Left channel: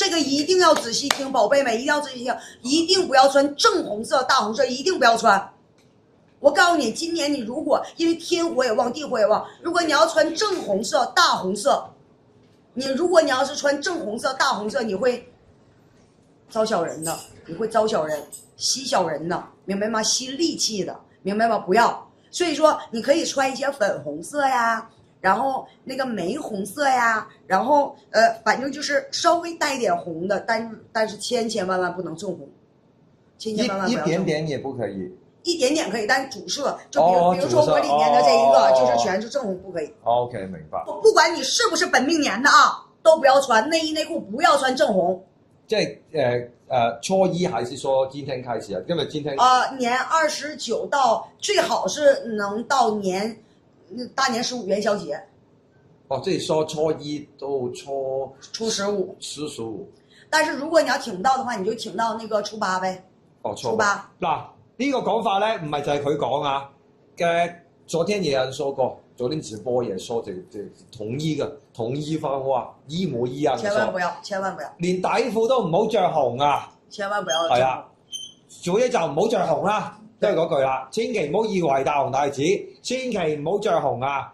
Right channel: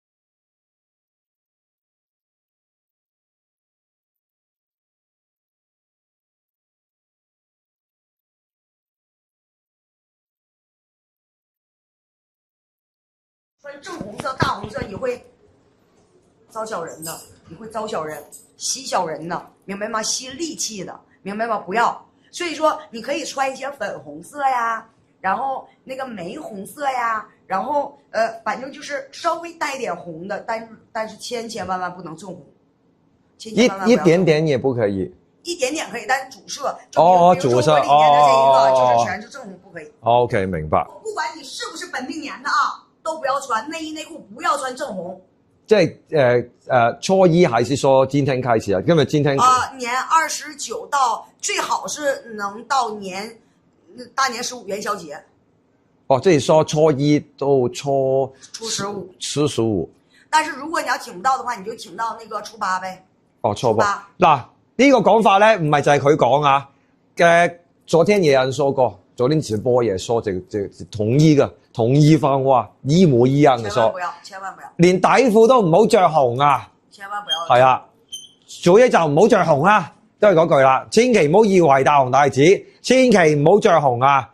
这个一定要仔细听，宝贝们一定要仔细听，一定不要穿正红色、大红色，一定不要穿。我告诉你，今年你如果因为天火也旺，地火也旺，如果你要穿正红色、大红色，如果你要是穿正红色、大红色，你会招小人的，你会招小人、吸小人的，明白吗？吸戾气的，明白吗？不要。所以说，你可以穿一些粉红色呀，然后那个玫红色呀，然后反正就是稍微带点红的，但是千万不能正红，千万不要一点点也不可以。一点点可以，但是主色就比如说我里面的这一个就是全是正红，不可以。OK， 明白。不管你是不是本命年的啊，都不要穿内衣内裤，不要穿正红。即係初一還是說今天開始啊？因為今天年29到最好是能到大年15元宵節。哦，即係說初一到初15。但是如果你要請不到的話，你就請到那個初八唄。哦，初八。嗱，呢個講法咧，唔係就係佢講啊。昨天也有人說過，昨天直播也說這統一番話，一模一樣嘅說。千萬不要。連底褲都唔好着紅啊！千萬不要。係啊，做嘢就唔好着紅啦，都係嗰句啦。千祈唔好以為大紅大紫，千祈唔好着紅啊！